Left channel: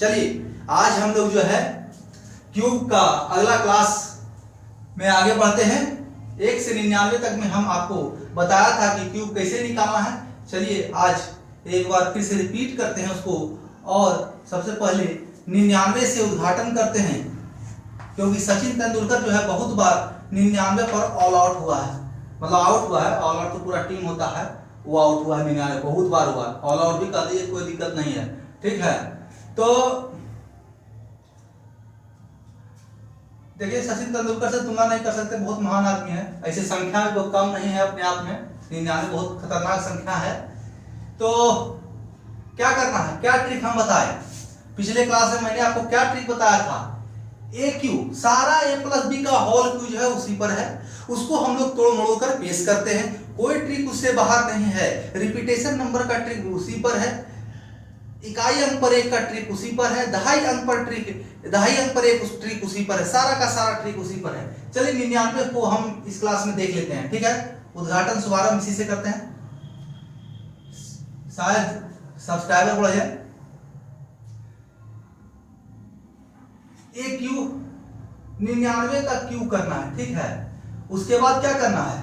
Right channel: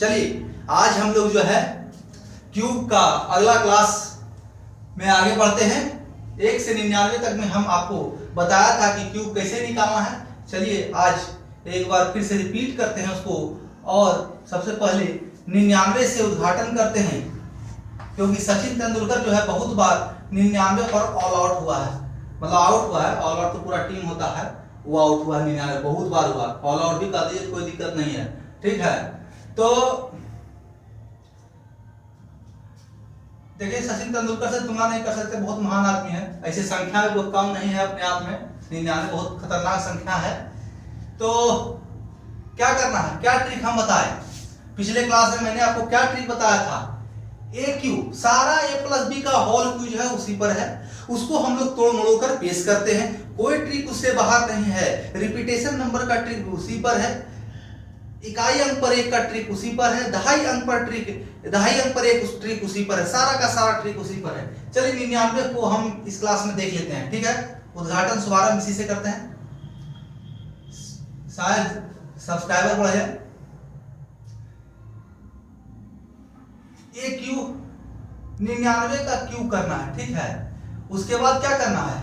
चलिए आज हम लोग जो है क्यूब का अगला क्लास में आगे बढ़ते हैं। 1 से 99 तक में हम आपको बताया था कि क्यूब कैसे निकालना है। चलिए आज एक बार फिर से रिपीट करते हैं उसको, और सबसे पहले 99 से उद्घाटन करते हैं, क्योंकि सचिन तेंदुलकर जो है बहुत बार 99 पर ऑल आउट हुआ है, मतलब आउट हुआ है। ऑल आउट तो पूरा टीम होता है, वो आउट हुआ है 99 बहुत बार हुआ। ऑल आउट भी कर दिए, कोई दिक्कत नहीं है, ठीक है। तो देखिए सचिन तेंदुलकर से तुलना नहीं कर सकते, बहुत महान आदमी है। ऐसे संख्या में वो कम नहीं है अपने आप में, 99 बहुत खतरनाक संख्या है। तो क्या करना है, क्या ट्रिक हम बताएं। पिछले क्लास में मैंने आपको क्या ट्रिक बताया था, ए क्यू सारा ए प्लस बी का होल क्यू जो है उसी पर है, उसको हम लोग तोड़ मड़ोड़ कर पेश करते हैं। कोई ट्रिक उससे बाहर नहीं है। रिपीटेशन नंबर का ट्रिक उसी पर है, इकाई अंक पर एक का ट्रिक उसी पर है, दहाई अंक पर एक ट्रिक उसी पर है, सारा का सारा ट्रिक उसी पर है। चलिए 99 को हम इस क्लास में देख लेते हैं, ठीक है। उद्घाटन शुभारंभ इसी से करते हैं, शायद सब्सक्राइबर बढ़ जाए। एक क्यू 99 का क्यू करना है, ठीक है। उसके बाद क्या करना है,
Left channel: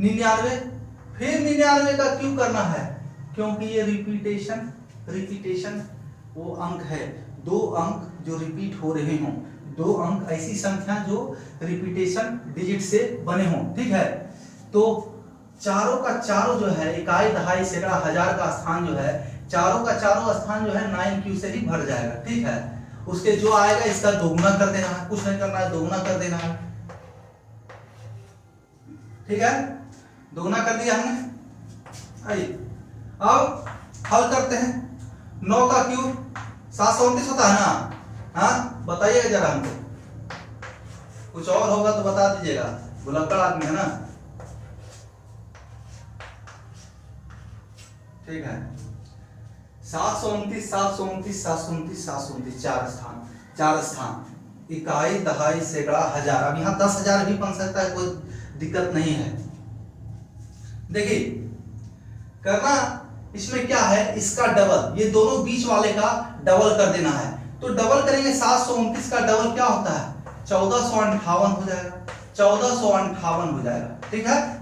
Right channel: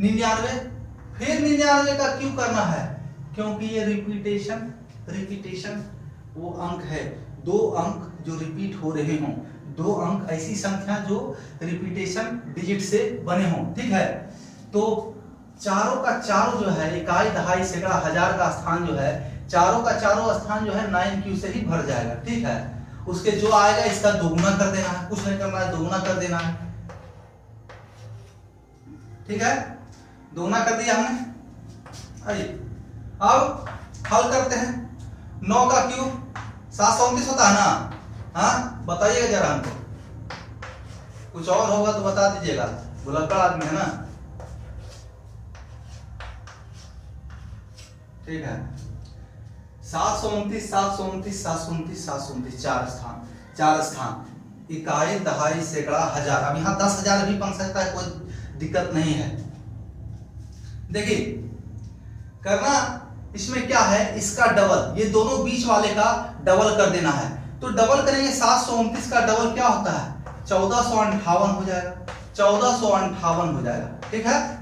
99 फिर 99 का क्यू करना है, क्योंकि ये रिपीटेशन वो अंक है, 2 अंक जो रिपीट हो रहे हों, 2 अंक ऐसी संख्या जो रिपीटेशन डिजिट से बने हों, ठीक है। तो चारों का चारों जो है, इकाई दहाई सैकड़ा हजार का स्थान जो है, चारों का चारों स्थान जो है 9Q से ही भर जाएगा, ठीक है। उसके जो आएगा इसका दोगुना कर देना है, कुछ नहीं करना है, दोगुना कर देना है, ठीक है। दोगुना कर दिया हमने। आइए अब हल करते हैं। 9 का क्यूब 729 होता है ना, हाँ बताइएगा जरा हमको, कुछ और होगा तो बता दीजिएगा, भुलक्कड़ आदमी है ना, ठीक है। 729 चार स्थान, इकाई दहाई सैकड़ा हजार। अब यहाँ 10,000 भी बन सकता है, कोई दिक्कत नहीं है। देखिए करना इसमें क्या है, इसका डबल, ये दोनों बीच वाले का डबल कर देना है। तो डबल करेंगे, 729 का डबल क्या होता है, 1458 हो जाएगा, 1458 हो जाएगा, ठीक है।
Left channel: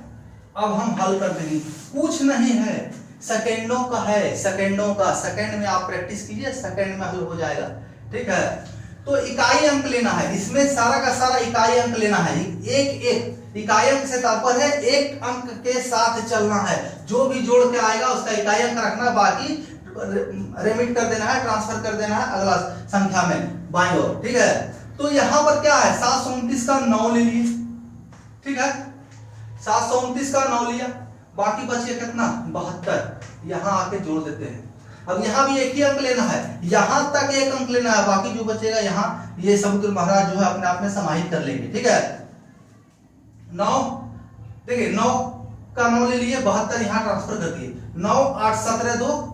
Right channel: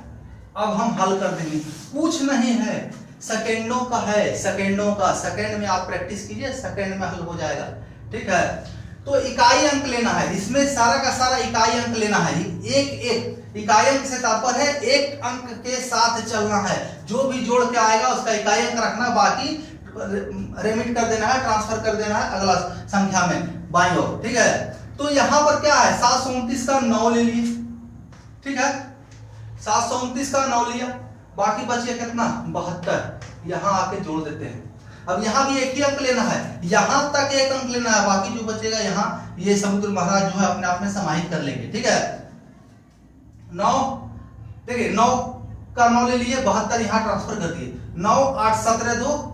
अब हम हल कर देंगे, कुछ नहीं है, सेकेंडों का है, सेकेंडों का, सेकेंड में आप प्रैक्टिस कीजिए, सेकेंड में हल हो जाएगा, ठीक है। तो इकाई अंक लेना है, इसमें सारा का सारा इकाई अंक लेना है। एक इकाई अंक से तात्पर्य है एक अंक के साथ चलना है, जो भी जोड़ के आएगा उसका इकाई अंक रखना, बाकी रेमिट कर देना है, ट्रांसफर कर देना है अगला संख्या में बाईं ओर, ठीक है। तो यहां पर क्या है, 729 का 9 ले लिए, ठीक है। 729 का 9 लिया, बाकी बचे कितना, 72, यहां आके जोड़ देते हैं। अब यहां भी एक ही अंक लेना है, यहां तक एक अंक लेना है, बाकी जो बचेगा यहाँ ये समुद्र महाराज जो है अपने आप में समाहित कर लेंगे, ठीक है। 9 देखिए 9 का 9 ले लिए, 72 यहाँ ट्रांसफर कर दिए, 9 8 17 2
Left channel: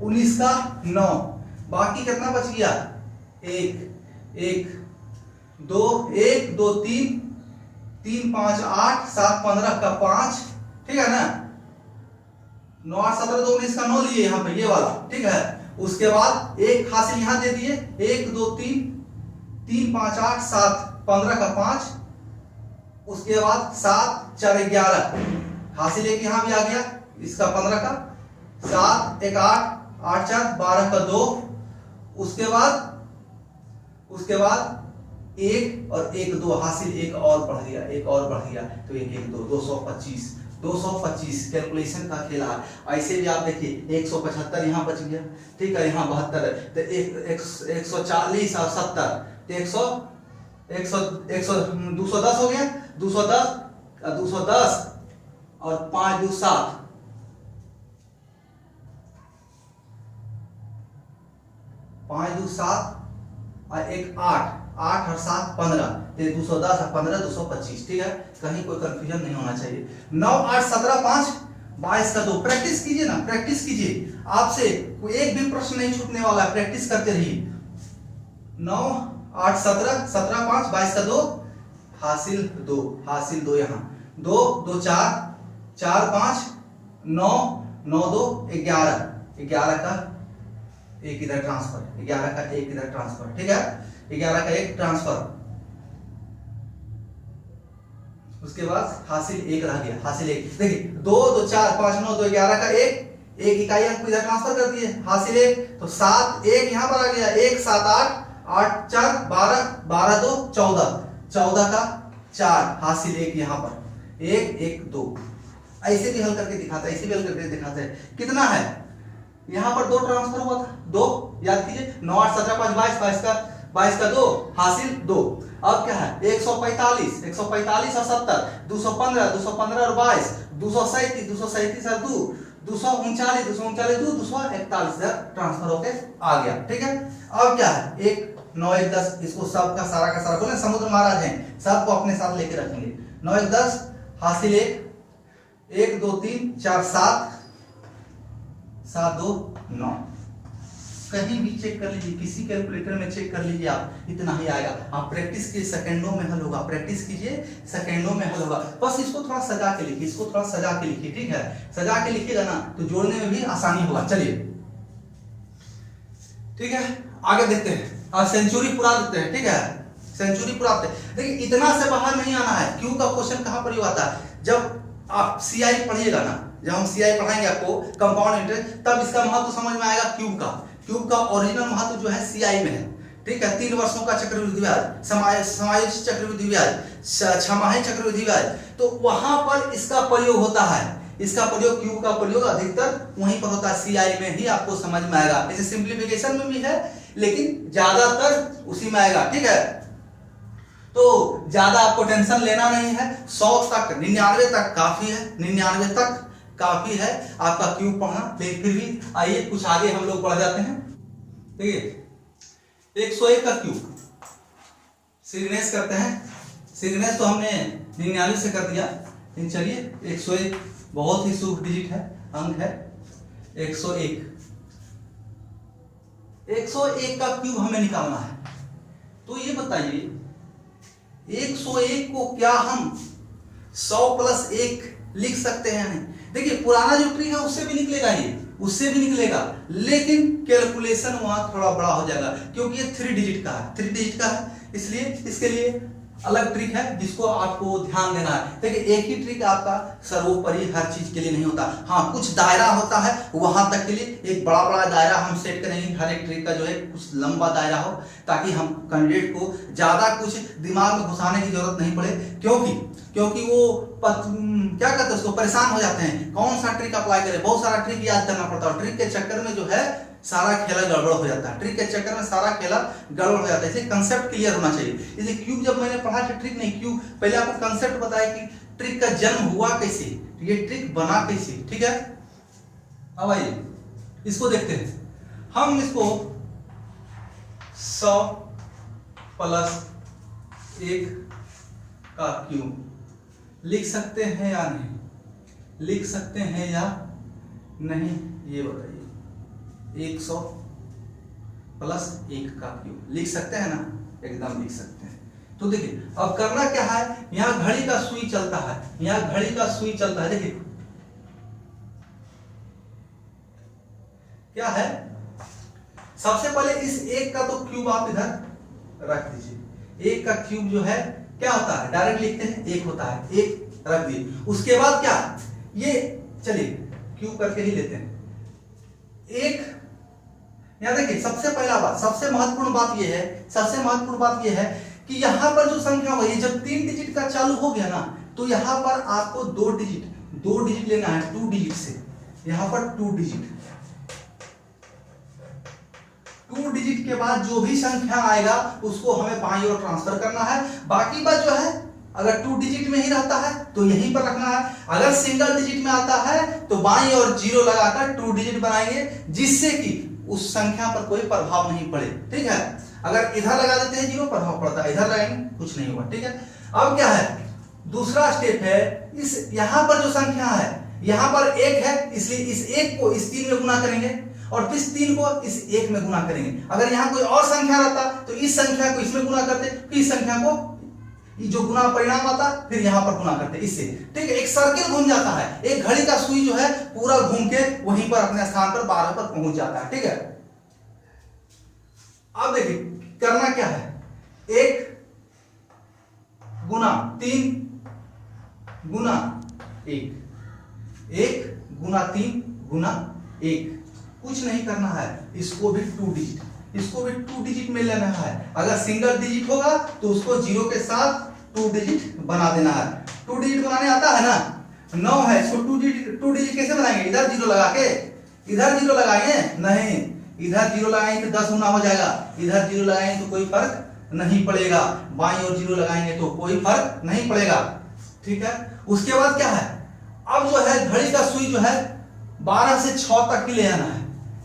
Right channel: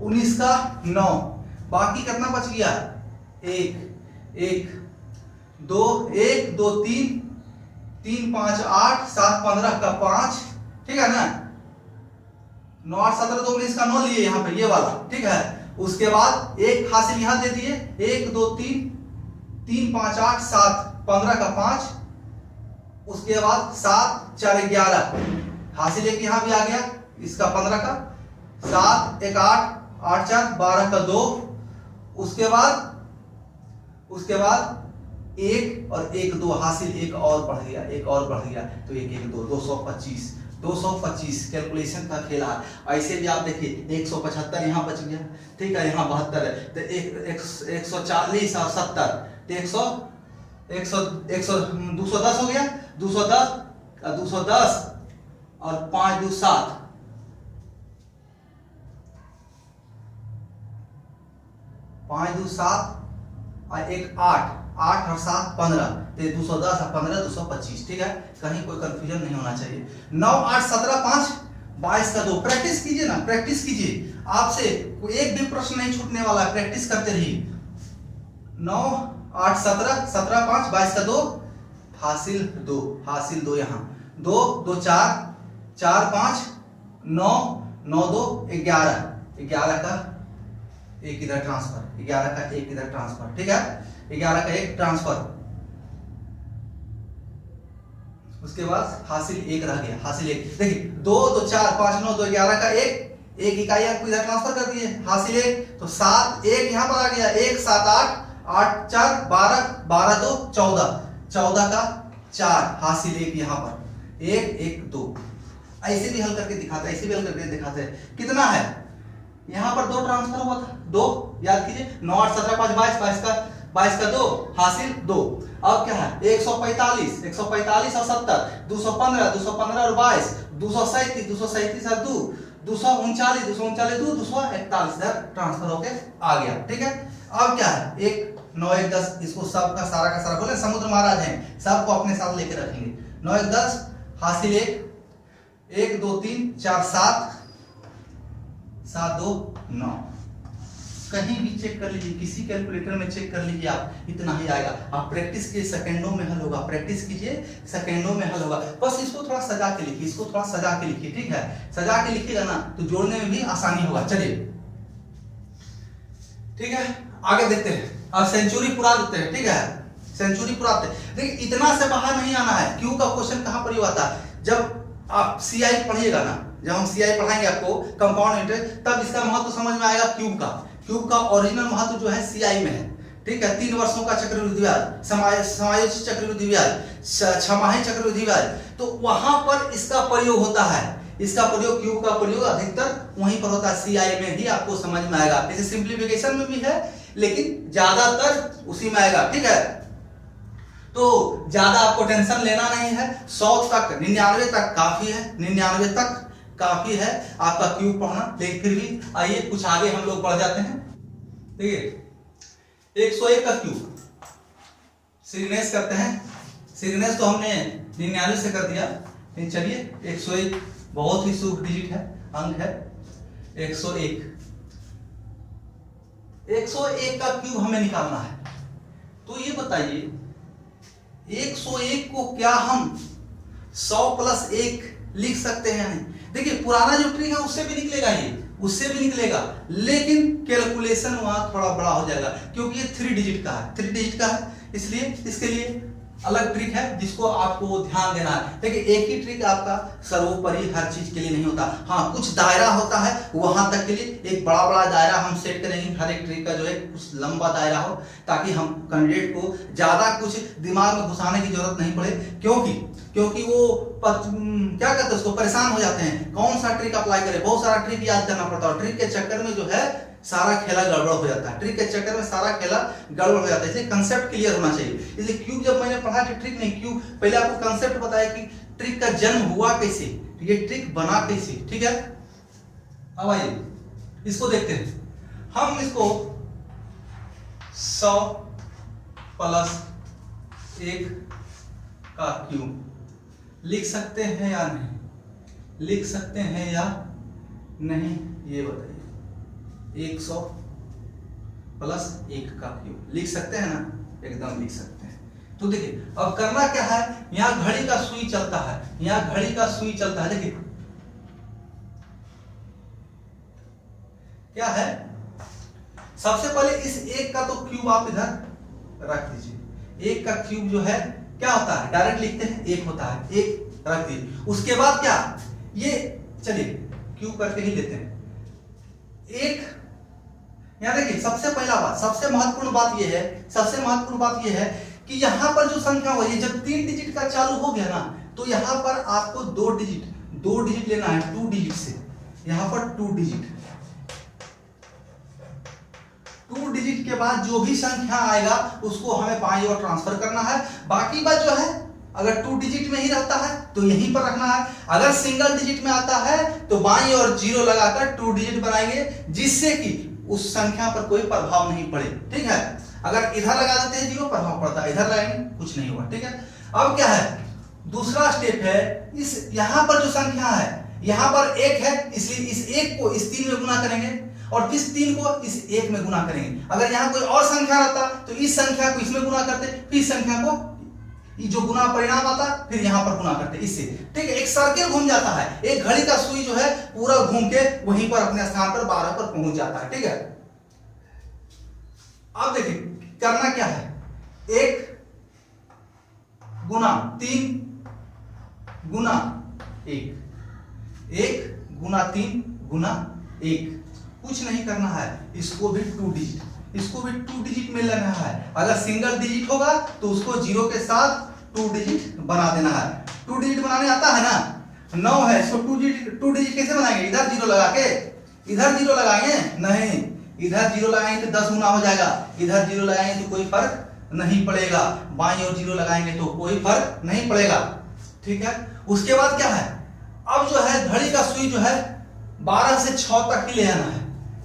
19 का 9, बाकी कितना बच गया, 1 2 3 3 5 8 7 15 का 5, ठीक है ना। 9 8 17 2 19 का 9 लिए यहाँ पे, ये वाला, ठीक है। उसके बाद एक हासिल यहाँ दे दिए, 1 2 3 3 5 8 7 15 का 5, उसके बाद 7 4 11 हासिल एक यहाँ भी आ गया, इसका 15 का 7 1 8 8 4 12 का 2, उसके बाद 1 और 1 2 हासिल एक और बढ़ गया, तो 1 1 2 225 कैलकुलेशन का खेल है। ऐसे भी आप देखिए 175 यहाँ बच गया, ठीक है, यहाँ 72 है, तो 140 और 70 तो 210 हो गया, 210 और 5 2 7, 5 2 7 और 1 8 और 7 15, तो 210 और 15 225, ठीक है। कहीं कोई कंफ्यूजन नहीं होना चाहिए। 9 8 17 5 22 का 2, प्रैक्टिस कीजिए ना, प्रैक्टिस कीजिए, आपसे कोई एक भी प्रश्न नहीं छूटने वाला है, प्रैक्टिस करते रहिए। 9 8 17 17 5 22 का 2 हासिल 2 यहाँ 2 2 4 4 5 9 9 2 11 11 का एक इधर ट्रांसफर, 11 का एक इधर ट्रांसफर, ठीक है, 11 का एक ट्रांसफर। उसके बाद हासिल एक रह गया, हासिल एक। देखिए 2 2 4 5 9 2 11 का एक इकाई आपको इधर ट्रांसफर कर दिए, हासिल एक। तो 7 1 यहां पर आ गया, 1 7 8 8 4 12 12 2 14, 14 का 4 हासिल एक, यहां पर 1 1 2। ऐसे भी हल करके दिखाते हैं, ऐसे भी हल करके दिखाते हैं। कितना है यहां पर 2 ट्रांसफर हुआ था, 2 याद कीजिए, 9 8 17 5 22 का 2 हासिल 2। अब क्या है 145 145 और 70 215 215 और 22 237 237 और 2 239 239 2 241 इधर ट्रांसफर होके आ गया, ठीक है। अब क्या है 1 9 1 10, इसको सब का सारा बोले समुद्र महाराज हैं, सबको अपने साथ लेके रखेंगे। 9 1 10 हासिल 1 2 3 4 7 7 2 9। कहीं भी चेक कर लीजिए, किसी कैलकुलेटर में चेक कर लीजिए, आप इतना ही आएगा। आप प्रैक्टिस कीजिए, सेकंडों में हल होगा, प्रैक्टिस कीजिए, सेकंडों में हल होगा। बस इसको थोड़ा सजा के लिखिए, इसको थोड़ा सजा के लिखिए, ठीक है। सजा के लिखिएगा ना तो जोड़ने में भी आसानी होगा। चलिए ठीक है, आगे देखते हैं। अब सेंचुरी पुरा देते हैं, ठीक है, सेंचुरी पुराते हैं। देखिए इतना से बाहर नहीं आना है। क्यू का क्वेश्चन कहां पर आता है, जब आप सीआई पढ़िएगा ना, जब हम सीआई पढ़ाएंगे आपको कंपाउंड इंटरेस्ट, तब इसका महत्व समझ में आएगा। क्यूब का ओरिजिनल महत्व जो है सीआई में है, ठीक है। 3 वर्षों का चक्रवृद्धि ब्याज, समायोजित चक्रवृद्धि ब्याज, छमाही चक्रवृद्धि ब्याज, तो वहां पर इसका प्रयोग होता है। इसका प्रयोग, क्यूब का प्रयोग अधिकतर वहीं पर होता है, सीआई में ही आपको समझ में आएगा। जैसे सिंप्लीफिकेशन में भी है, लेकिन ज्यादातर उसी में आएगा, ठीक है। तो ज्यादा आपको टेंशन लेना नहीं है। 100 तक 99 तक काफी है, 99 तक काफी है आपका क्यूब पढ़ना। लेकिन फिर भी आइए कुछ आगे हम लोग बढ़ जाते हैं। देखिए 101 का क्यूब सिग्नेस करते हैं। सिग्नेस तो हमने 99 से कर दिया, लेकिन चलिए 101 बहुत ही शुभ डिजिट है, अंक है 101। 101 का क्यूब हमें निकालना है। तो ये बताइए 101 को क्या हम 100 प्लस 1 लिख सकते हैं? नहीं। देखिए पुराना जो ट्रिक है उससे भी निकलेगा, ये उससे भी निकलेगा, लेकिन कैलकुलेशन वहां थोड़ा बड़ा हो जाएगा, क्योंकि ये 3 डिजिट का है, 3 डिजिट का है, इसलिए इसके लिए अलग ट्रिक है जिसको आपको ध्यान देना है। देखिए एक ही ट्रिक आपका सर्वोपरि हर चीज के लिए नहीं होता। हाँ कुछ दायरा होता है, वहां तक के लिए एक बड़ा बड़ा दायरा हम सेट करेंगे। हर एक ट्रिक का जो है कुछ लंबा दायरा हो, ताकि हम कैंडिडेट को ज्यादा कुछ दिमाग में घुसाने की जरूरत नहीं पड़े, क्योंकि वो क्या कहते हैं उसको परेशान हो जाते हैं, कौन सा ट्रिक अप्लाई करें, बहुत सारा ट्रिक याद करना पड़ता है। ट्रिक के चक्कर में जो है सारा खेला गड़बड़ हो जाता है, ट्रिक के चक्कर में सारा खेला गड़बड़ हो जाता है। इसलिए कंसेप्ट क्लियर होना चाहिए। इसलिए क्यूब जब मैंने पढ़ा कि ट्रिक नहीं, क्यूब पहले आपको कंसेप्ट बताया कि ट्रिक का जन्म हुआ कैसे, ये ट्रिक बना कैसे, ठीक है। अब आइए इसको देखते हैं। हम इसको 100 प्लस 1 का क्यूब लिख सकते हैं या नहीं, लिख सकते हैं या नहीं, ये बताइए। 100 प्लस 1 का क्यूब लिख सकते हैं ना, एकदम लिख सकते हैं। तो देखिए अब करना क्या है, यहां घड़ी का सुई चलता है, यहां घड़ी का सुई चलता है। देखिए क्या है, सबसे पहले इस 1 का तो क्यूब आप इधर रख दीजिए। 1 का क्यूब जो है क्या होता है, डायरेक्ट लिखते हैं 1 होता है, 1 रख दीजिए। उसके बाद क्या, ये चलिए क्यूब करके ही लेते हैं। 1 यहां देखिए सबसे पहला बात, सबसे महत्वपूर्ण बात यह है, सबसे महत्वपूर्ण बात यह है कि यहां पर जो संख्या हुई, जब 3 डिजिट का चालू हो गया ना, तो यहां पर आपको 2 डिजिट लेना है, 2 डिजिट से, यहां पर 2 डिजिट। 2 डिजिट के बाद जो भी संख्या आएगा उसको हमें बाईं ओर ट्रांसफर करना है। बाकी बात जो है अगर 2 डिजिट में ही रहता है तो यहीं पर रखना है, अगर सिंगल डिजिट में आता है तो बाईं ओर 0 लगाकर 2 डिजिट बनाएंगे, जिससे कि उस संख्या पर कोई प्रभाव नहीं पड़े, ठीक है। अगर इधर लगा देते हैं 0 प्रभाव पड़ता है, इधर लगाएंगे कुछ नहीं हुआ, ठीक है। अब क्या है, दूसरा स्टेप है, इस यहां पर जो संख्या है, यहां पर 1 है, इसलिए इस 1 को इस 3 में गुना करेंगे और इस 3 को इस 1 में गुना करेंगे। अगर यहां कोई और संख्या रहता तो इस संख्या को इसमें गुना करते, फिर इस संख्या को जो गुना परिणाम आता फिर यहां पर गुना करते, इससे, ठीक है। एक सर्किल घूम जाता है, एक घड़ी का सुई जो है पूरा घूम के वहीं पर अपने स्थान पर 12 पर पहुंच जाता है, ठीक है। अब देखिए करना क्या है, 1 गुना 3 गुना 1, 1 गुना 3 गुना 1, कुछ नहीं करना है, इसको भी 2 डिजिट, इसको भी 2 डिजिट में लेना है। अगर सिंगल डिजिट होगा तो उसको 0 के साथ 2 डिजिट बना देना है। 2 डिजिट बनाने आता है ना, 9 है, इसको 2 डिजिट कैसे बनाएंगे, इधर 0 लगा के, इधर 0 लगाएंगे नहीं, इधर 0 लगाएंगे तो 10 गुना हो जाएगा, इधर 0 लगाएंगे तो कोई फर्क नहीं पड़ेगा, बाईं ओर 0 लगाएंगे तो कोई फर्क नहीं पड़ेगा। ठीक है, उसके बाद क्या है, अब जो है घड़ी का सुई जो है 12 से 6 तक ही ले आना है,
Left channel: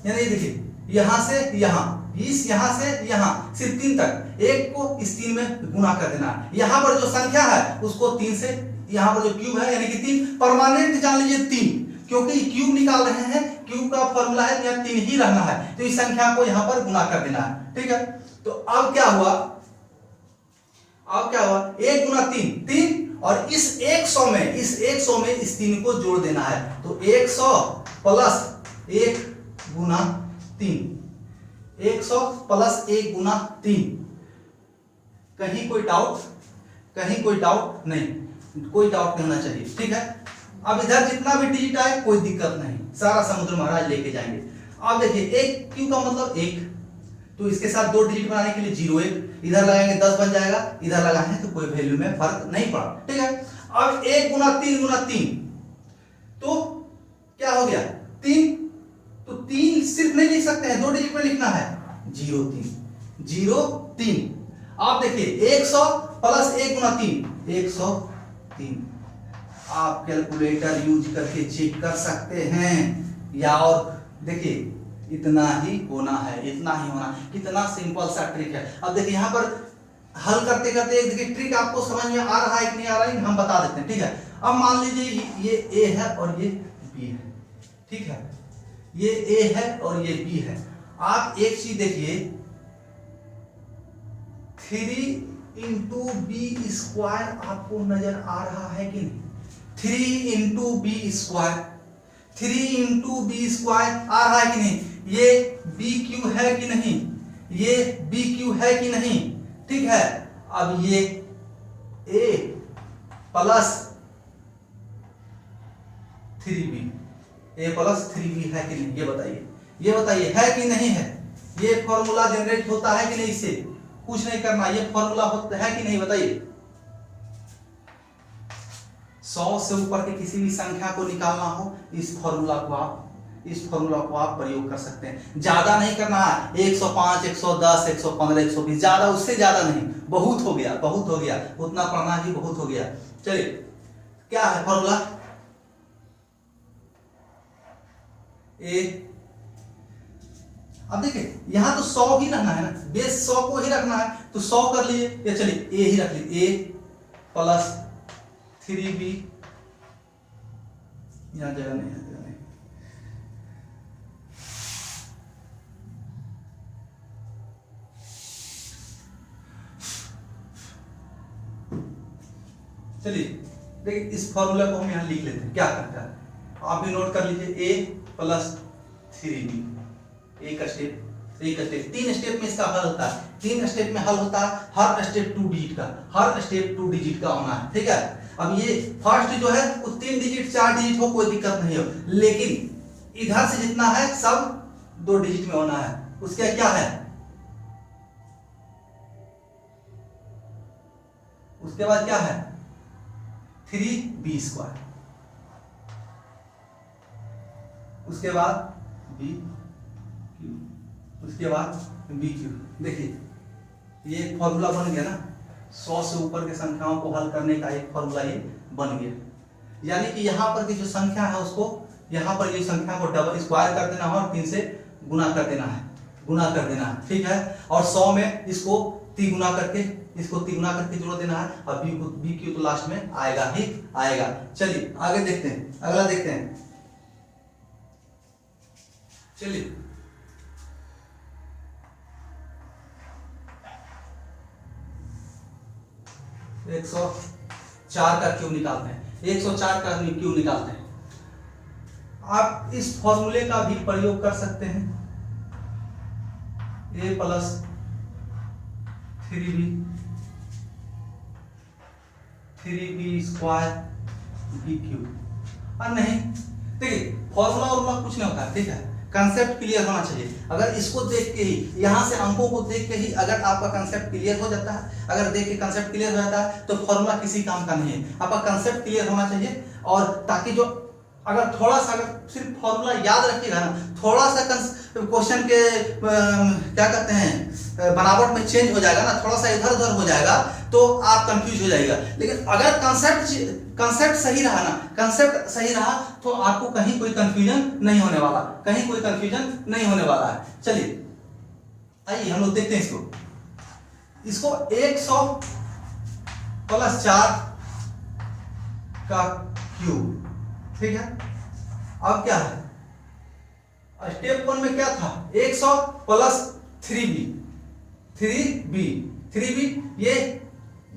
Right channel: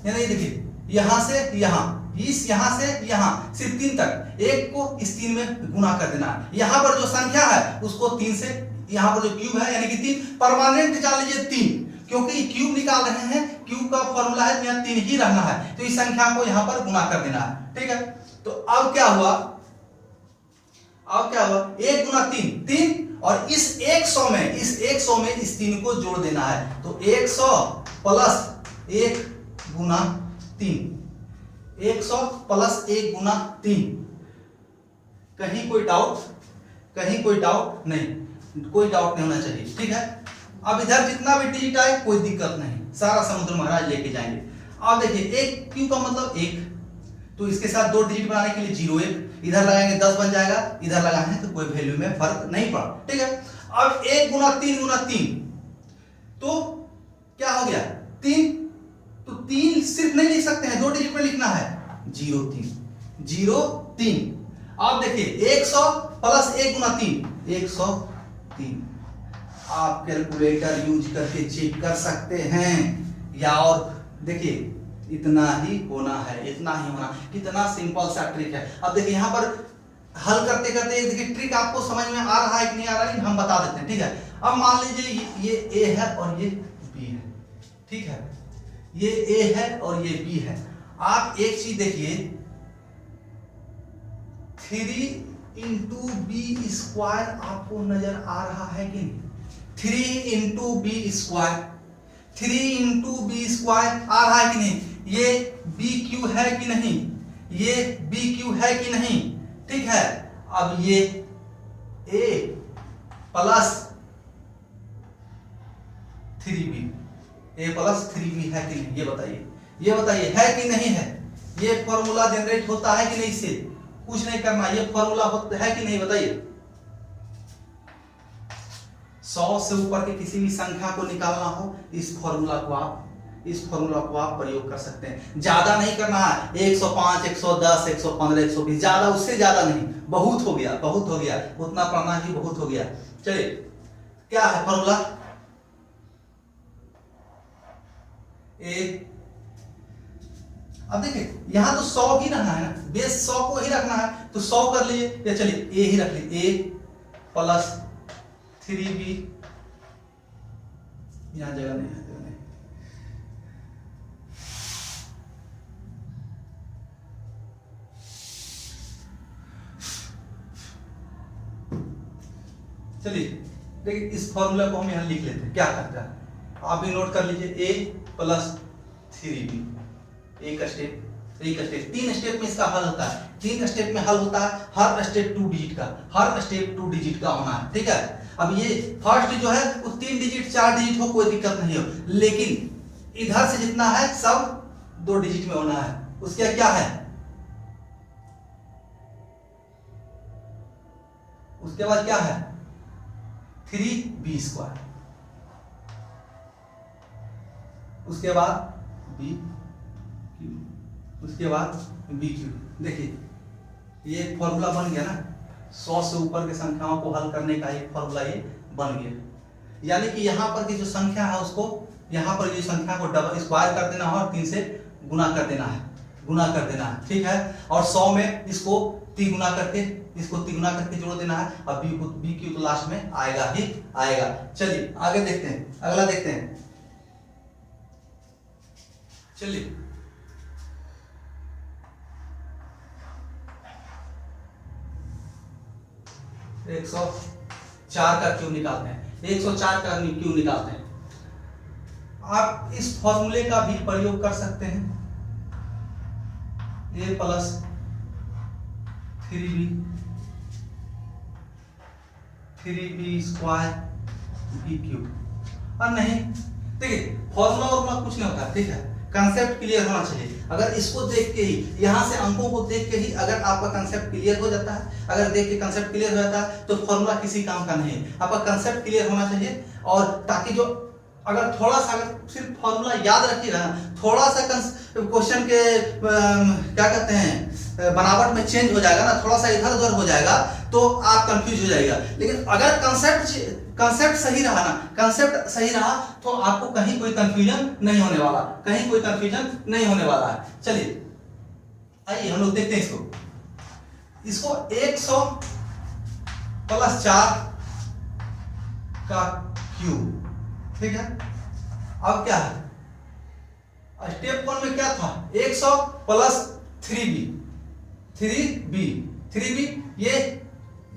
यानी देखिए यहां से यहां, इस यहां से यहां, सिर्फ 3 तक, 1 को इस 3 में गुना कर देना है। यहां पर जो संख्या है उसको 3 से, यहां पर जो क्यूब है यानी कि 3 परमानेंट जान लीजिए 3, क्योंकि क्यूब निकाल रहे हैं, क्यूब का फॉर्मूला है यहाँ 3 ही रहना है, तो इस संख्या को यहां पर गुना कर देना है। ठीक है, तो अब क्या हुआ, अब क्या हुआ, 1 गुना 3 3, और इस 100 में, इस 100 में इस 3 को जोड़ देना है, तो 100 प्लस 1 गुना 3, 100 प्लस 1 गुना 3। कहीं कोई डाउट, कहीं कोई डाउट नहीं, कोई डाउट नहीं होना चाहिए। ठीक है, अब इधर जितना भी डिजिट आए कोई दिक्कत नहीं, सारा समुद्र महाराज लेके जाएंगे। अब देखिए 1 क्यू का मतलब 1, तो इसके साथ 2 डिजिट बनाने के लिए 0 1, इधर लगाएंगे 10 बन जाएगा, इधर लगाएंगे तो कोई वैल्यू में फर्क नहीं पड़ा। ठीक है, अब 1 गुना 3 गुना 3, तो क्या हो गया 3, तो 3 सिर्फ नहीं लिख सकते हैं, 2 डिजिट में लिखना है, 0 3 0 3। आप देखिए 100 प्लस 1 गुना 3 103, आप कैलकुलेटर यूज करके चेक कर सकते हैं, या और देखिए इतना ही होना है, इतना ही होना, कितना सिंपल सा ट्रिक है। अब देखिए यहाँ पर हल करते करते देखिए ट्रिक आपको समझ में आ रहा है कि नहीं आ रहा है, हम बता देते हैं। ठीक है, अब मान लीजिए ये ए है और ये बी है, ठीक है, ये ए है और ये बी है। आप एक चीज देखिए, 3 इंटू बी स्क्वायर आपको नजर आ रहा है कि नहीं, 3 into b square, 3 into b square आ रहा है कि नहीं, ये बी क्यू है कि नहीं, ये बी क्यू है कि नहीं। ठीक है, अब ये ए प्लस 3b, ए प्लस 3b है कि नहीं, ये बताइए, ये बताइए है कि नहीं है, ये फॉर्मूला जनरेट होता है कि नहीं, इससे कुछ नहीं करना, ये फॉर्मूला होता है कि नहीं बताइए। 100 से ऊपर की किसी भी संख्या को निकालना हो, इस फॉर्मूला को आप प्रयोग कर सकते हैं। ज्यादा नहीं करना है, 105 110 115 120, ज्यादा, उससे ज्यादा नहीं, बहुत हो गया, बहुत हो गया, उतना पढ़ना ही बहुत हो गया। चलिए क्या है फॉर्मूला, ए, अब देखिए यहां तो 100 ही रहना है ना, बेस 100 को ही रखना है, तो 100 कर लीजिए, या चलिए ए ही रख लीजिए, ए प्लस 3b, यहां जगह नहीं है, चलिए देखिए इस फॉर्मूला को हम यहां लिख लेते हैं, क्या करता है आप भी नोट कर लीजिए, a प्लस 3b, एक स्टेप 3 स्टेप में इसका हल होता है, 3 स्टेप में हल होता है, हर स्टेप 2 डिजिट का, हर स्टेप 2 डिजिट का होना है। ठीक है, अब ये फर्स्ट जो है वो 3 डिजिट 4 डिजिट हो, कोई दिक्कत नहीं हो, लेकिन इधर से जितना है सब 2 डिजिट में होना है। उसका क्या है, उसके बाद क्या है 3b स्क्वायर, उसके बाद b क्यू, उसके बाद b क्यू। देखिए ये फॉर्मूला बन गया ना, 100 से ऊपर की संख्याओं को हल करने का एक फॉर्मूला ये बन गया, यानी कि यहाँ पर की जो संख्या है उसको यहाँ पर जो संख्या को डबल स्क्वायर कर देना है और 3 से गुना कर देना है, गुना कर देना है। ठीक है, और 100 में इसको 3 गुना करके, इसको 3 गुना करके जोड़ देना है, और बी क्यू तो लास्ट में आएगा ही आएगा। चलिए आगे देखते हैं, अगला देखते हैं, चलिए 104 का क्यूब निकालते हैं, 104 का क्यूब निकालते हैं। आप इस फॉर्मूले का भी प्रयोग कर सकते हैं, a plus 3b square B cube. और नहीं, देखिए फॉर्मूला और कुछ नहीं होता है, ठीक है, कंसेप्ट क्लियर होना चाहिए। अगर इसको देख के ही, यहाँ से अंकों को देख के ही अगर आपका कंसेप्ट क्लियर हो जाता है, अगर देख के कंसेप्ट क्लियर हो जाता है तो फॉर्मूला किसी काम का नहीं है। आपका कंसेप्ट क्लियर होना चाहिए, और ताकि जो अगर थोड़ा सा अगर सिर्फ फॉर्मूला याद रखिएगा ना, थोड़ा सा क्वेश्चन के क्या कहते हैं बनावट में चेंज हो जाएगा ना, थोड़ा सा इधर उधर हो जाएगा तो आप कंफ्यूज हो जाएगा। लेकिन अगर कंसेप्ट सही रहा ना, कंसेप्ट सही रहा तो आपको कहीं कोई कंफ्यूजन नहीं होने वाला, कहीं कोई कंफ्यूजन नहीं होने वाला है। चलिए आइए हम लोग देखते हैं इसको 100 प्लस 4 का क्यूब, ठीक है। अब क्या है, स्टेप 1 में क्या था, 100 प्लस 3b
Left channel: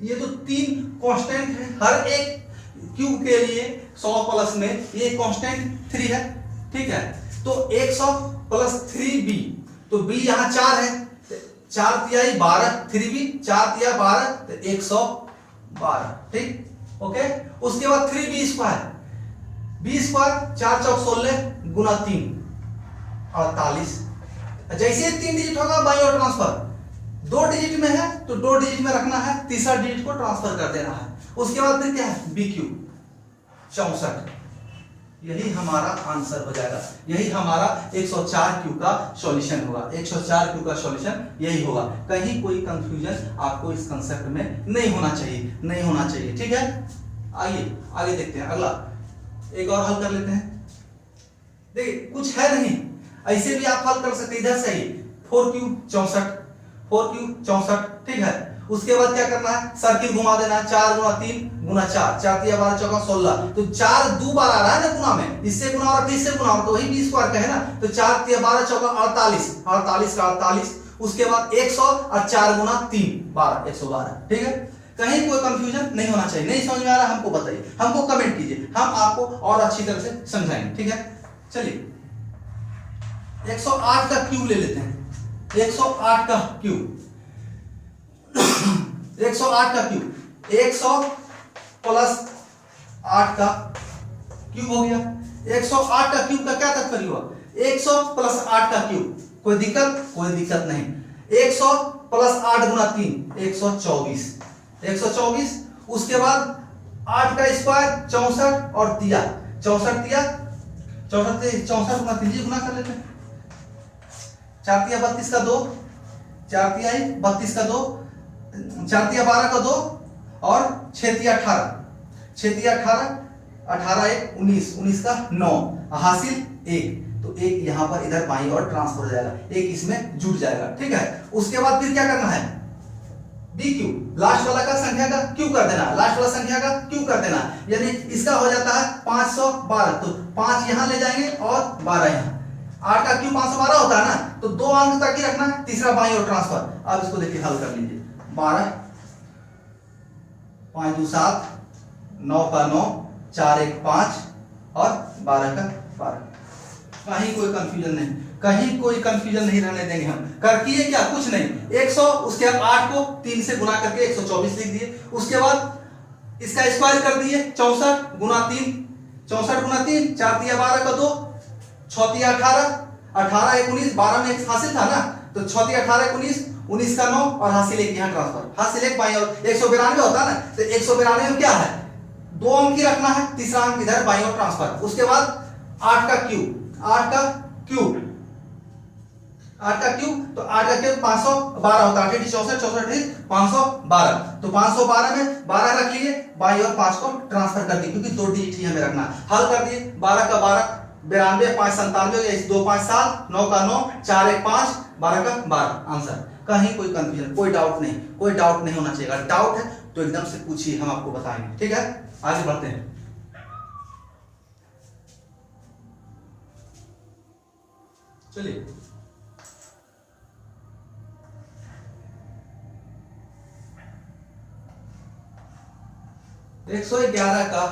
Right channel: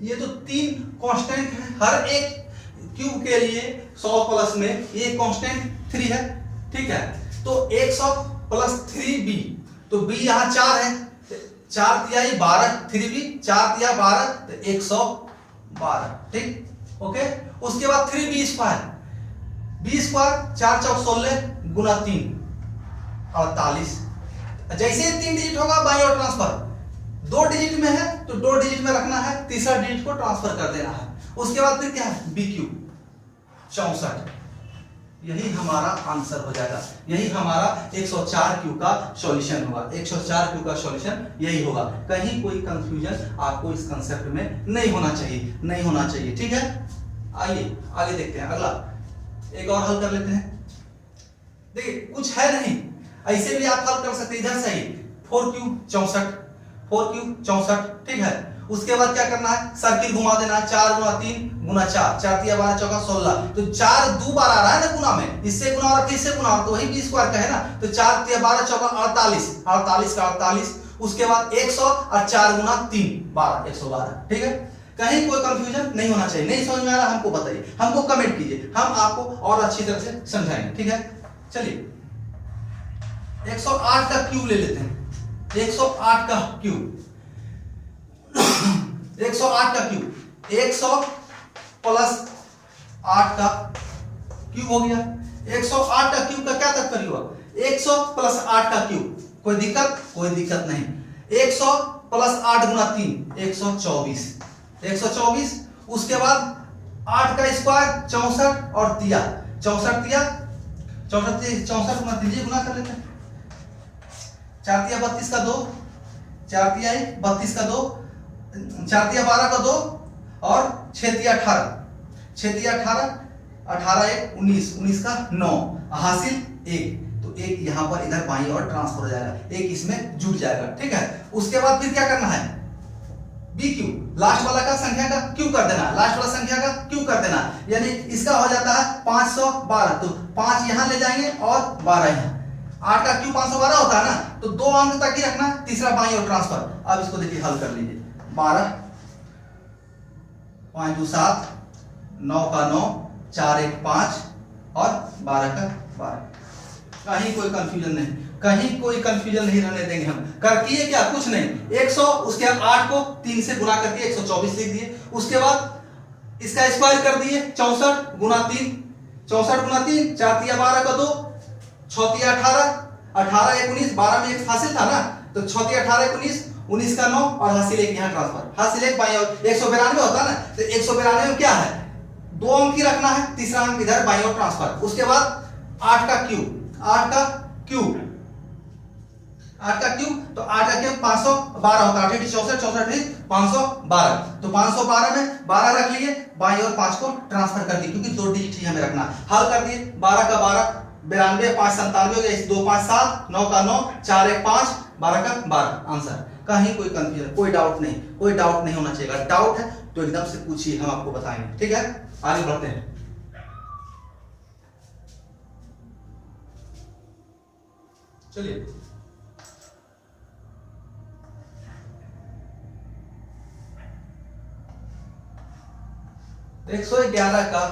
ये तो 3 कांस्टेंट है, हर एक क्यूब के लिए 100 प्लस में ये कांस्टेंट 3 है, ठीक है। तो 100 प्लस 3b, तो b यहां 4 है, 4 तिहाई 12, 3b 4 तिहाई 12 तो 112, ठीक, ओके। उसके बाद 3b स्क्वायर, b स्क्वायर 4 चौक 16 गुना 3 48। जैसे 3 डिजिट होगा बाई और ट्रांसफर, 2 डिजिट में है तो 2 डिजिट में रखना है, तीसरा डिजिट को ट्रांसफर कर देना है। उसके बाद फिर क्या है, बी क्यूब 64, यही हमारा आंसर हो जाएगा, यही हमारा 104 क्यू का सॉल्यूशन होगा, 104 क्यू का सॉल्यूशन यही होगा। कहीं कोई कंफ्यूजन आपको इस कंसेप्ट में नहीं होना चाहिए, नहीं होना चाहिए, ठीक है। आइए आगे देखते हैं, अगला एक और हल कर लेते हैं। देखिए कुछ है नहीं, ऐसे भी आप हल कर सकते, इधर से ही 4 क्यूब 64, 4 क्यूब 64, ठीक है। उसके बाद क्या करना है, सर्किल घुमा देना है, 4 गुना 3 गुना 4, 4 तिया 12 चौका 16, तो 4 दो बार आ रहा है ना गुना में, इससे गुना और किससे गुना, तो वही बी स्क्वायर का है ना, तो 4 तिया 12 चौका 48, 48 का 48, उसके बाद 100 और 4 गुना 3 12, 112, ठीक है। कहीं कोई कंफ्यूजन नहीं होना चाहिए। नहीं समझ में आ रहा हमको बताइए, हमको कमेंट कीजिए, हम आपको और अच्छी तरह से समझाएंगे, ठीक है। चलिए 108 का क्यूब ले लेते हैं, 108 का क्यूब 108 का क्यूब 100 प्लस 8 का क्यूब हो गया। 108 का क्यूब का क्या तात्पर्य हुआ, 100 प्लस 8 का क्यूब, कोई दिक्कत, कोई दिक्कत नहीं। 100 प्लस 8 गुना 3 124, 124, उसके बाद 8 का स्क्वायर 64 और तिया 64 तिया 64 गुना 3 गुना कर लेते हैं, 4 तिया 32 का 2, 4 तिया 32 का 2, 4 तिया 12 का 2 और 6 तिया 18, 6 तिया 18, 18 1 19, 19 का 9, हासिल 1, तो 1 यहां पर इधर बाईं और ट्रांसफर हो जाएगा, 1 इसमें जुट जाएगा, ठीक है। उसके बाद फिर क्या करना है, बी क्यू, लास्ट वाला का संख्या का क्यू कर देना, लास्ट वाला संख्या का क्यू कर देना, यानी इसका हो जाता है 512, तो 5 यहां ले जाएंगे और 12 यहां, 8 का क्यू 512 होता है ना, तो 2 अंक तक ही रखना है, तीसरा बाईं और ट्रांसफर। अब इसको देखिए हल कर लीजिए, 12 5 2 7 9 का 9 4 1 5 और 12 का 12। कहीं कोई कंफ्यूजन नहीं, कहीं कोई कंफ्यूजन नहीं रहने देंगे हम। कर किए क्या, कुछ नहीं, 100 उसके 8 को 3 से गुना करके 124 लिख दिए, उसके बाद इसका स्क्वायर कर दिए 64 गुना 3, 64 गुना 3 4 तिया 12 का 2, 6 तिया 18, 18 1 19, 12 में 1 हासिल था ना, तो 6 तिया 18 19, 19 का 9 और हासिल 1 यहाँ ट्रांसफर, हासिल 1 बाई और 192 होता है ना, तो 192 में क्या है, 2 अंक ही रखना है, तीसरा अंक इधर बाई और ट्रांसफर। उसके बाद 8 का क्यूब, 8 का क्यूब, 8 का क्यूब, तो 8 का क्यूब 512 होता है, 8 64 64 512, तो 512 में 12 रख लिए, बाई और 5 को ट्रांसफर कर दिए, क्योंकि 2 डिजिट ही हमें रखना है। हल कर दिए, 12 का 12 92, 5 97 हो गया, 2 5 7 9 का 9 4 1 5 12 का 12 आंसर। कहीं कोई कंफ्यूजन, कोई डाउट नहीं, कोई डाउट नहीं होना चाहिए। डाउट है तो एकदम से पूछिए, हम आपको बताएंगे, ठीक है। आगे बढ़ते हैं, चलिए 111 का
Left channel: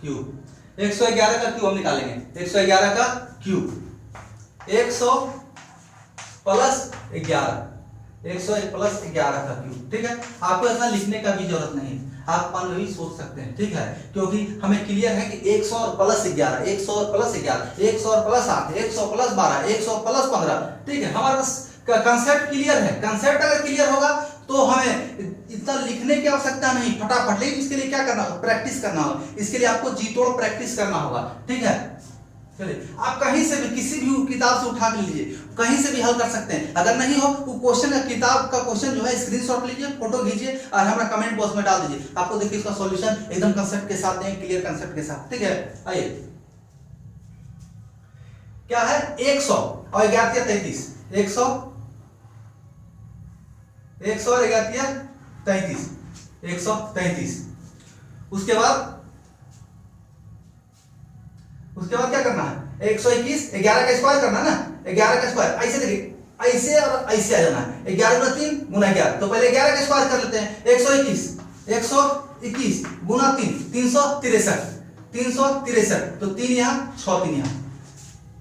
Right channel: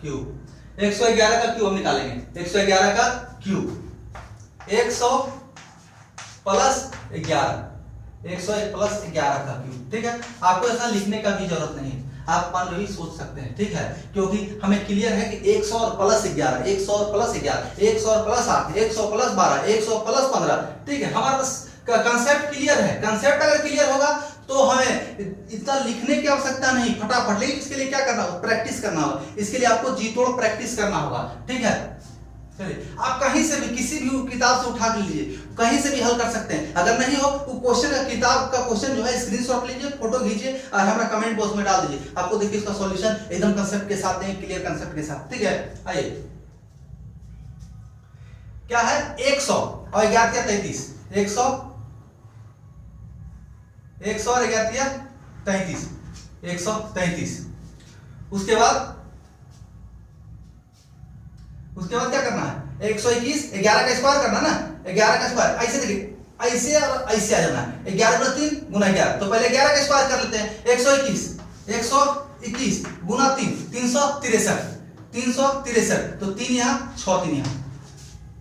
क्यूब, 111 का क्यूब हम निकालेंगे, 111 का क्यूब 100 प्लस 11, 101 प्लस 11 का क्यूब। ठीक है, आपको ऐसा लिखने का भी जरूरत नहीं है, आप मान लो सोच सकते हैं। ठीक है, क्योंकि हमें क्लियर है कि 100 और प्लस 11, 100 और प्लस 11, 100 और प्लस 8, 100 प्लस 12, 100 प्लस 15। ठीक है, हमारे पास कंसेप्ट क्लियर है। कंसेप्ट अगर क्लियर होगा तो हमें इतना लिखने की आवश्यकता नहीं, फटाफट। लेकिन इसके लिए क्या करना होगा? प्रैक्टिस करना होगा। इसके लिए आपको जी तोड़ प्रैक्टिस करना होगा। ठीक है, चलिए आप कहीं से भी किसी भी किताब से उठा के लीजिए, कहीं से भी हल कर सकते हैं। अगर नहीं हो वो क्वेश्चन का, किताब का क्वेश्चन जो है स्क्रीनशॉट लीजिए, फोटो खींचिए और हमारा कमेंट बॉक्स में डाल दीजिए। आपको देखिए इसका सॉल्यूशन एकदम कंसेप्ट के साथ है, क्लियर कंसेप्ट के साथ। ठीक है, आइए क्या है 100 और 11 33, 100 और 11 33, 133। उसके बाद क्या करना है? 121, 11 का स्क्वायर करना ना, 11 का स्क्वायर ऐसे देखिए, ऐसे और ऐसे आ जाना है। 11 गुना 3 गुना 11, तो पहले 11 का स्क्वायर कर लेते हैं। 121 गुना 3, 363, 363, तो 3 यहाँ 6 3 यहाँ,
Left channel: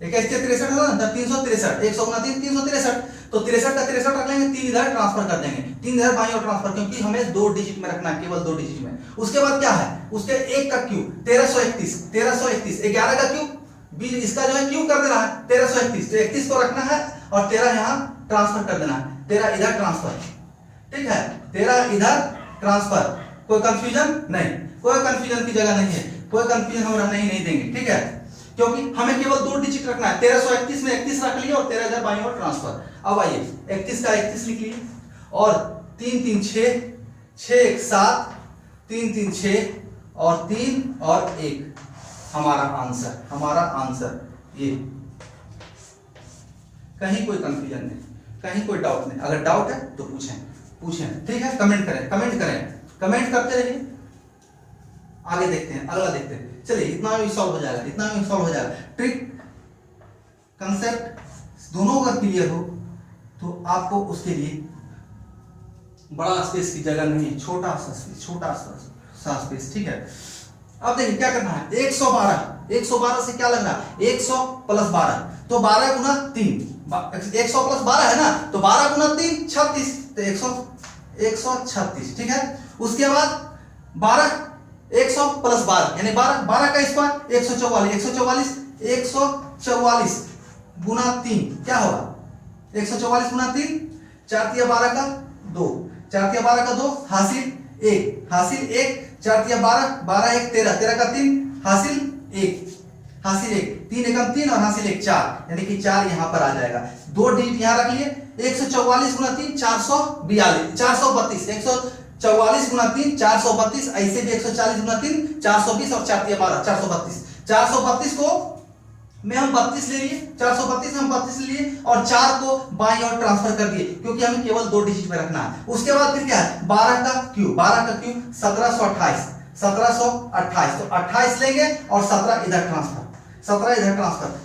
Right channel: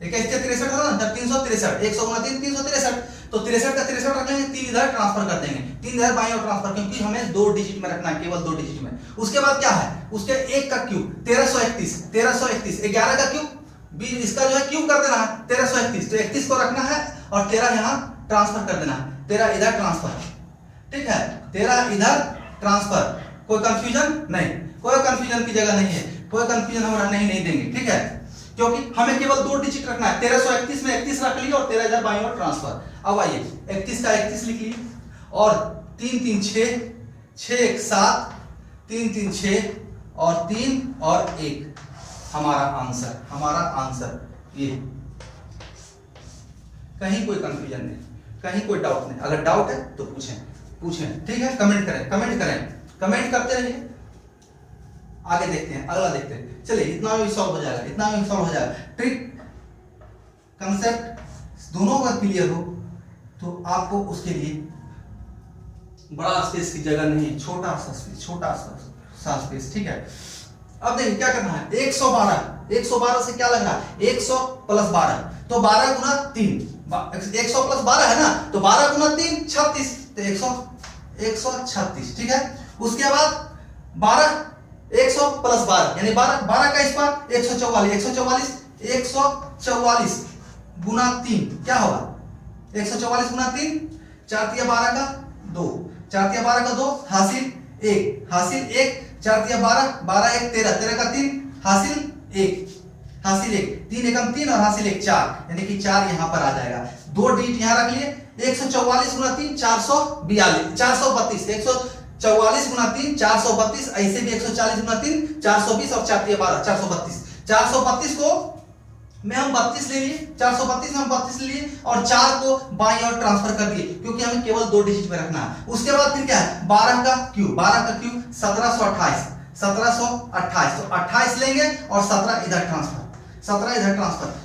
63 होगा ना, 363, 100 गुना 3 363, तो 63 का 63 रख लेंगे, 3 इधर ट्रांसफर कर देंगे, 3 इधर बाईं ओर ट्रांसफर, क्योंकि हमें 2 डिजिट में रखना है, केवल 2 डिजिट में। उसके बाद क्या है? उसके 1 का क्यूब 1331, 11 का क्यूब, इसका जो है क्यूब कर देना है 1331, तो 31 को रखना है और 13 यहाँ ट्रांसफर कर देना है, 13 इधर ट्रांसफर। ठीक है, 13 इधर ट्रांसफर। कोई कंफ्यूजन नहीं, कोई कंफ्यूजन की जगह नहीं है, कोई कंफ्यूजन हम रहने ही नहीं देंगे। ठीक है, क्योंकि हमें केवल 2 डिजिट रखना है। 1331 में 31 रख लिया और 13 इधर बाईं ओर ट्रांसफर। अब आइए 31 का 31 लिख लिए और 3 3 6, 6 1 7, 3 3 6 और 3 और 1, हमारा आंसर ये। कहीं कोई कंफ्यूजन नहीं, कहीं कोई डाउट नहीं। अगर डाउट है तो पूछें। ठीक है, कमेंट कमेंट करते रहिए। आगे देखते हैं, अगला देखते हैं। चलिए इतना भी सॉल्व हो जाएगा, ट्रिक कंसेप्ट दोनों का क्लियर हो तो आपको उसके लिए बड़ा स्पेस की जगह नहीं है, छोटा सा स्पेस। ठीक है, अब देखिए क्या करना है। 112 से क्या लगना है? 100 प्लस 12, तो 12 गुना 3, 100 प्लस 12 है ना, तो 12 गुना 3 36, तो 136। ठीक है, उसके बाद 100 प्लस 12 यानी 12 का स्क्वायर 144 गुना 3 क्या होगा? 144 गुना 3, 4 तिया 12 का 2, 4 तिया 12 का 2, हासिल 1, 4 तिया 12, 12 1 13, 13 का 3, हासिल 1, 3 एकम 3 और हासिल 1 4, यानी कि 4 यहाँ पर आ जाएगा। 2 डिजिट यहाँ रख लिए। 144 गुना 3 442, 144 गुना 3 432, ऐसे भी 140 गुना 3 420 और 4 तिया 12 432। 432 को में हम 32 ले लिए, 432 में हम 32 ले लिए और 4 को बाईं ओर ट्रांसफर कर दिए, क्योंकि हमें केवल 2 डिजिट में रखना है। उसके बाद फिर क्या है? 12 का क्यूब 1728, तो 28 लेंगे और 17 इधर ट्रांसफर।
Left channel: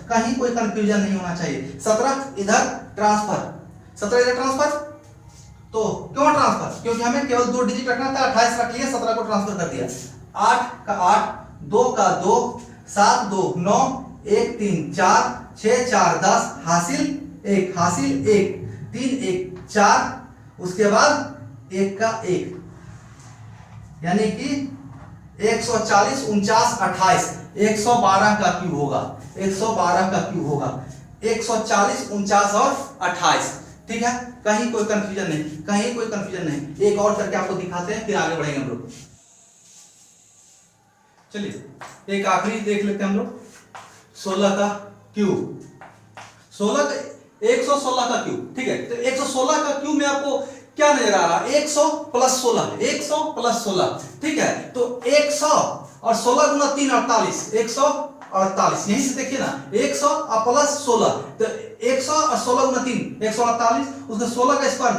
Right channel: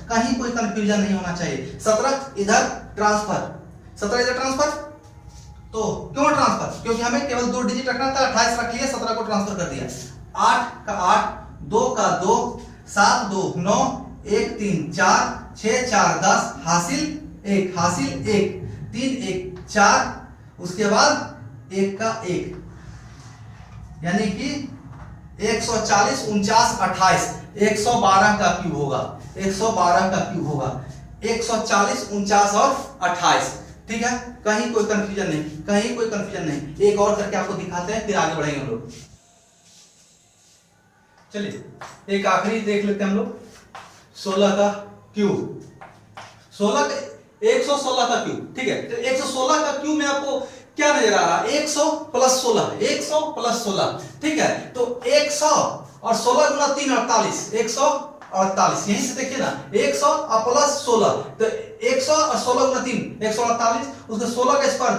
कहीं कोई कंफ्यूजन नहीं होना चाहिए। 17 इधर ट्रांसफर, तो क्यों ट्रांसफर? क्योंकि हमें केवल 2 डिजिट रखना था। 28 रख लिया, 17 को ट्रांसफर कर दिया। 8 का 8, 2 का 2, 7 2 9, 1 3 4, 6 4 10, हासिल 1, 3 1 4, उसके बाद 1 का 1, यानी कि 140 49 28, 112 का क्यूब होगा, 140 49 और 28। ठीक है, कहीं कोई कंफ्यूजन नहीं। एक और करके आपको दिखाते हैं, फिर आगे बढ़ेंगे हम लोग। चलिए एक आखिरी देख लेते हैं हम लोग। 16 का क्यूब, 116 का क्यूब। ठीक है, तो 116 का क्यूब में आपको क्या नजर आ रहा है? 100 प्लस 16, ठीक है, तो 100 और 16 गुना 3 48, 148। यहीं से देखिए ना, 100 और प्लस 16, तो 100 और 16 गुना 3 148, उसका 16 का स्क्वायर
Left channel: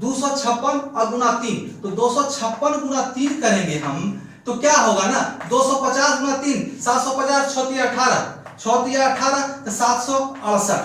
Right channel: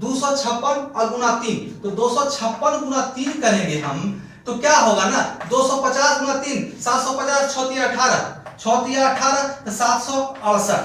256 और गुना 3, तो 256 गुना 3 करेंगे हम, तो क्या होगा ना, 250 गुना 3 750, 6 तिया 18, तो 768,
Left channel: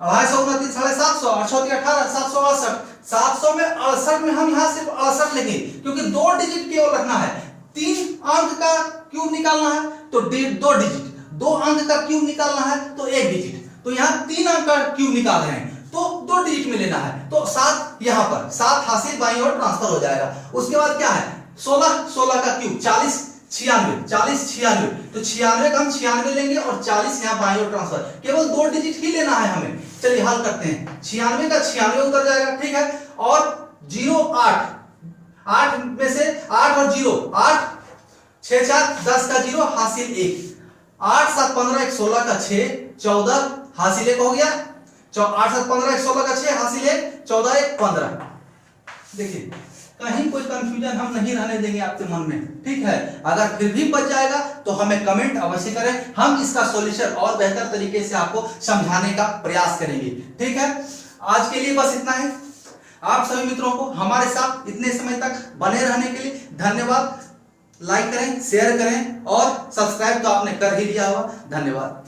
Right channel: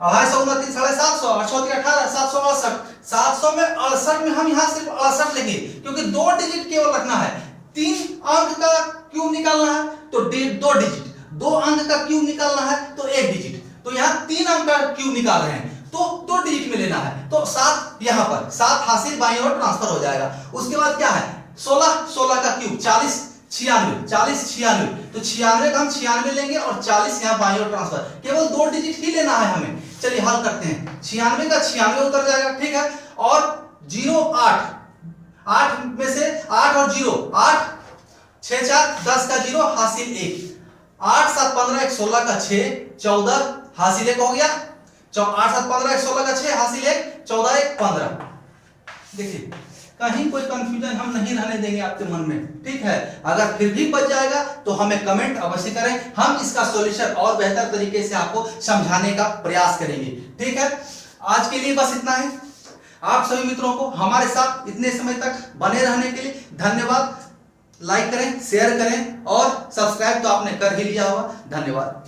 250 गुना 3 750 और 6 तिया 18, 768। 700 में 68 में हम यहाँ सिर्फ 68 लेंगे, क्योंकि 2 डिजिट केवल रखना है। 3 अंक का क्यूब निकालना है तो 2 डिजिट, 2 अंक का क्यूब निकालना है तो 1 डिजिट, तो यहाँ 3 अंक का क्यूब निकाल रहे हैं, तो 2 डिजिट में लेना है, तो 7 यहां पर 7 हासिल बाईं ओर ट्रांसफर हो जाएगा। उसके बाद क्या है 16 का क्यूब 40 96, तो 96 का हम 96 लेंगे और 40 यहाँ बाईं ओर ट्रांसफर, केवल 2 डिजिट ही लेना है हमें। चलिए हल करते हैं, 96 का 96 उतर जाएगा, ठीक है, और 0 8 में से 8 और 0 8 6 4 10 का 0 हासिल 1, 8 7 15 1 16 का 6 14 हासिल 1 हो गया, 8 7 15 1 16 का 6 हासिल 1 14 1 15। देखिए कहीं कोई कंफ्यूजन हम नहीं रहने देंगे आपके मन में, ठीक है। अगर फिर भी बच जाएगा तो हमें कमेंट अवश्य करें, हम इसका सॉल्यूशन और बेहतर तरीके से आपको समझाने का प्रयास करेंगे, ठीक है। आज के लिए बस इतना ही। आप सभी मित्रों को हमारे साथ इतने समय तक बने रहने के लिए धन्यवाद। लाइक करें, शेयर करें और सब्सक्राइब तो आपने कर ही लिया होगा। धन्यवाद।